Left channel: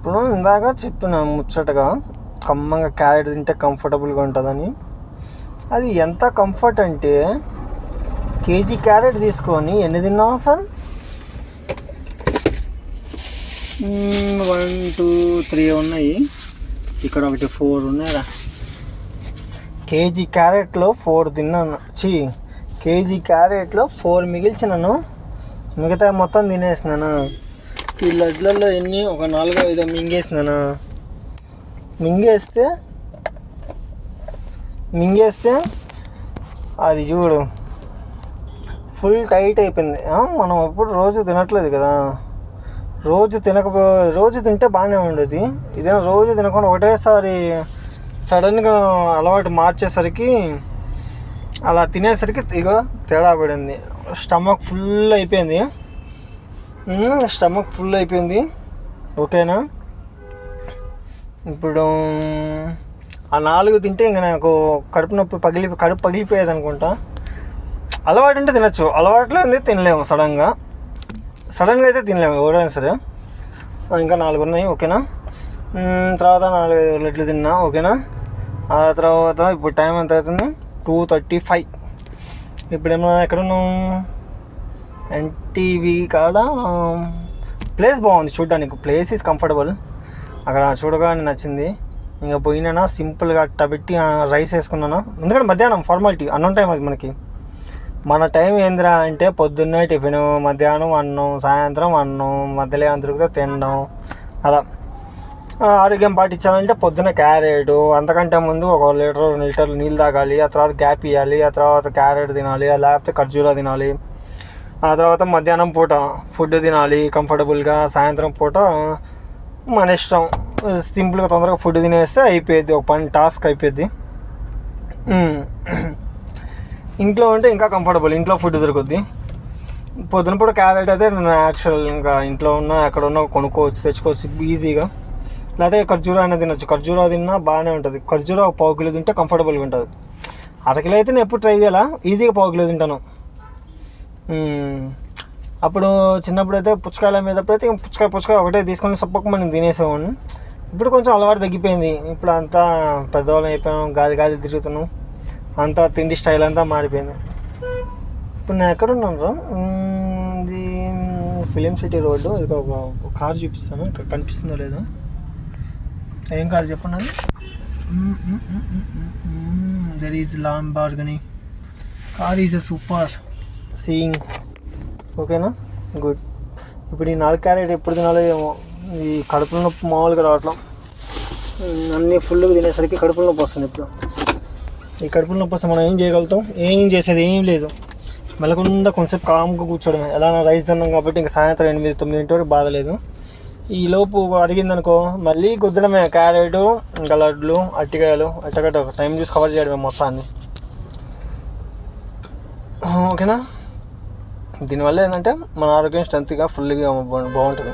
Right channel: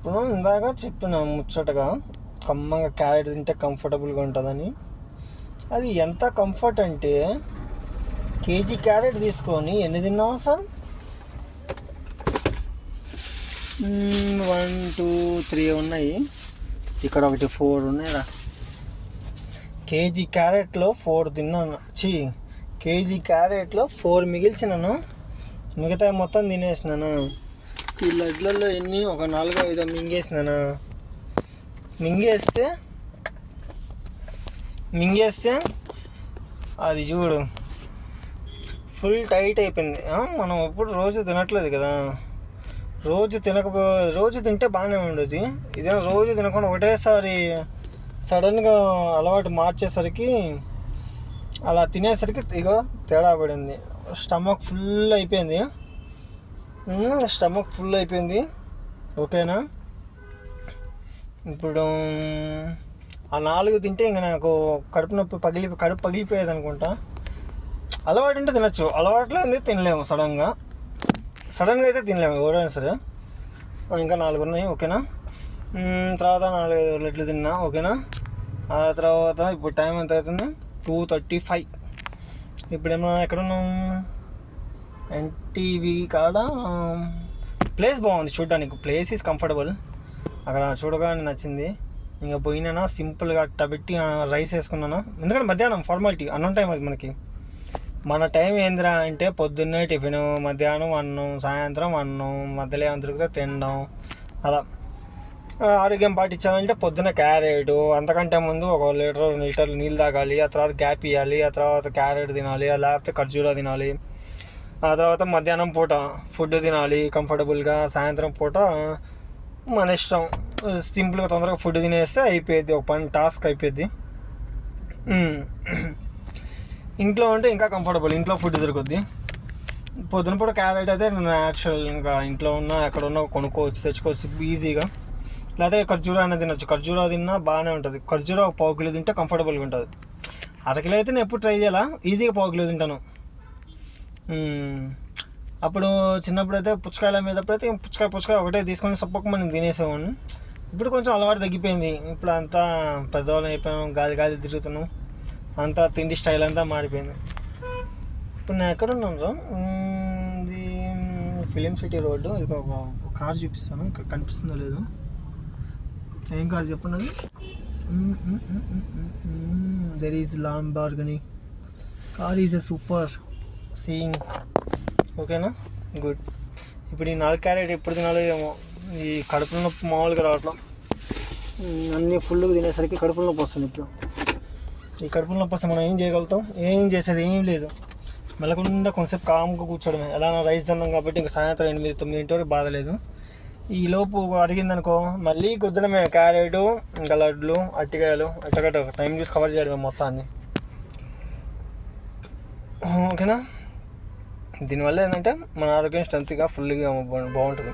ఇప్పుడు ఇందాక చెప్పిన ముచ్చటగా కమ్మగా క్యారెట్ తింటే కంఫర్టబుల్గా ఉంటుందని. అది ఎంత కంఫర్ట్ అంటే కేజీ క్యారెట్ తీసుకొని ఎన్ని తిన్నావు సార్? 1 2 3 ఉన్నాయి, ఇక్కడ ఒకటి 4 ఉన్నాయిరా. కేజీ క్యారెట్లో 4 తిన్నాను. కేజీ క్యారెట్లో 4 మిగిల్చినాను, మిగతా మొత్తం తినేసినాను. ఈ లడ్లలో ఎన్ని ఒక 4 5 మింగేసినాను. మింగేస్తే అది చూడు ఫుల్ టైట్ అయిపోయింది. మనం ఎప్పుడు రోజు తినట్లేదు కదా, రోజు తింటే బాగానే ఉండేది. ఇదేనా రోజు తినకుండా ఒకటేసారి సడన్గా అలవాటు మార్చేసరికి అలా తినేసరికి ఇగో తేడా పడింది. స్టమక్ ఫుల్ అయిపోయింది. ఓకేనా? ఇప్పుడు ఆ 4 తింటే ఇంకా నాకు కడుపు పగిలిపోయేది అనుకుంటా. అలవాటు ఉంటే తినచ్చు, అలవాట్లో ఉంది తినలేము. సడన్గా అయితే తినలేము ఎవరైనా సరే. ఇంకా 4 ఉన్నాయి. ఓకేనా? తర్వాత 4 లడ్లు తిన్నా. ఓకేనా? ఆ తర్వాత ఇప్పుడు టైం ఎంత అవుతుంది? 2:35. ఇప్పుడేమో ఎక్కడున్నాం? ఎన్టీవీ కాడ. ప్లేస్ బాగుంది చూడడానికి, ప్లేస్ ఈజ్ కంఫర్టబుల్. అక్కడ చూడగానే నచ్చింది. ఇంకా పోయినా సింపుల్గా పెట్టి రైస్ వేసుకున్నాను. ఎందుకంటే మధ్యాహ్నం ఫార్మాలిటీ, అన్నం టైం అది మనకి. మన టైం ఏందిరా అంటే పొద్దున్నే టిఫిన్, మధ్యాహ్నం అన్నం, సాయంత్రం అన్నం, మధ్యలో ఏమైనా దొరికితే తినడం. అలా ఆరోగ్యం పాటించాలంటే పొద్దున్న క్యారెట్, అంతకంటే ముందు 1 లీటర్ 2 లీటర్లు నీళ్ళు తాగాలి. ఆ తర్వాత గ్యాప్ ఇవ్వాలి. ఆ తర్వాత క్యారెట్ తినాలి, లేకపోతే ఖర్జూరా తినాలి. ఆ తర్వాత మధ్యాహ్నం పూట ఫుడ్ తినాలి కంఫర్టబుల్గా. సాయంత్రం పూట మన ఇష్టం, సింపుల్గా తొందరగా ఫుడ్ తినేస్తే అయిపోయింది, ఒక పని టాస్క్ అయిపోద్ది. ఇంట్లో ఉంటే ఇంకా కంఫర్టబుల్, ఇంట్లో ఫుడ్ దొరుకుద్ది. పొద్దున పూట క్యారెట్ అయితే న్యాచురల్, ఇంకా ఇంట్లో ఉన్న ఎక్కడ ఉన్నా తెచ్చుకోవచ్చు ఈజీగా. లేకపోతే ఖర్జూరా అయినా తినొచ్చు. ఖర్జూరా తిన్నా బాగానే ఉంటుంది. ఖర్జూరా 1 కిలో తింటే కంఫర్టబుల్గా ఉంటుంది. 1 కిలో అయితే నేను ఎప్పుడు ట్రై చేయాలా, ఈజీగా 1 కిలో తింటాను. అప్పుడు చిన్నప్పుడు అయితే పుచ్చకాయల మీదప్పుడైతే పుచ్చకాయ ఒకటే తీసుకొని సప్పకమని తినేసేవాడిని. ఇప్పుడు కొంచెం అలవాటు తగ్గిపోయింది. ఇప్పుడు అంతా పెద్దవాళ్ళం అయిపోయాం, గాలి తిరుగుతున్నాం, అంతా తిండి స్టైల్ అంతా మారిపోయింది. ఇప్పుడు నేను ఎక్కడున్నాను? ఇది ఫిలిం సిటీ రోడ్డు. ఇది ఒక కార్ చూపిస్తాను, ఇక్కడ కనిపిస్తుందో లేదో. ఏం కార్ చెప్పండి? There is Lamborghini car, is a super seeing. ఓకేనా? గుడ్. ఇప్పుడు ఈ 4 క్యారెట్ ఎప్పుడు తినాలో ఏమో, ఈ కడుపులో నొప్పి మామూలుగా రావట్లం. అన్నీ ఫుల్గా తినేసరికి కడుపులో నొప్పి వస్తుంది. ఇప్పుడు ఈ కడుపులో నొప్పి వస్తే మనం ఏం చేయగలుగుతాం? ఏం చేసేది ఏం లేదు. మెల్లకుండా కొంచెంసేపు కామ్గా కూర్చోవడమే. ఎలా రైస్ తిన్నాం కాబట్టి ఇంకా సాయంత్రం 8 9 వరకు బాధ లేదు. ఈ లోపు అడిగిందనుకో మళ్ళీ గుద్దడమే. క్యారెట్, ఇంకా లడ్లు, అట్టికాయలు, అట్టగట్ట టైం చూసి కవర్ చేయడమే మొత్తాన్ని. ఓకేనా? దీనివల్ల ఏంటంటే మన ఆరోగ్యం స్ట్రెంత్గా ఫుల్గా బాగుంటుంది.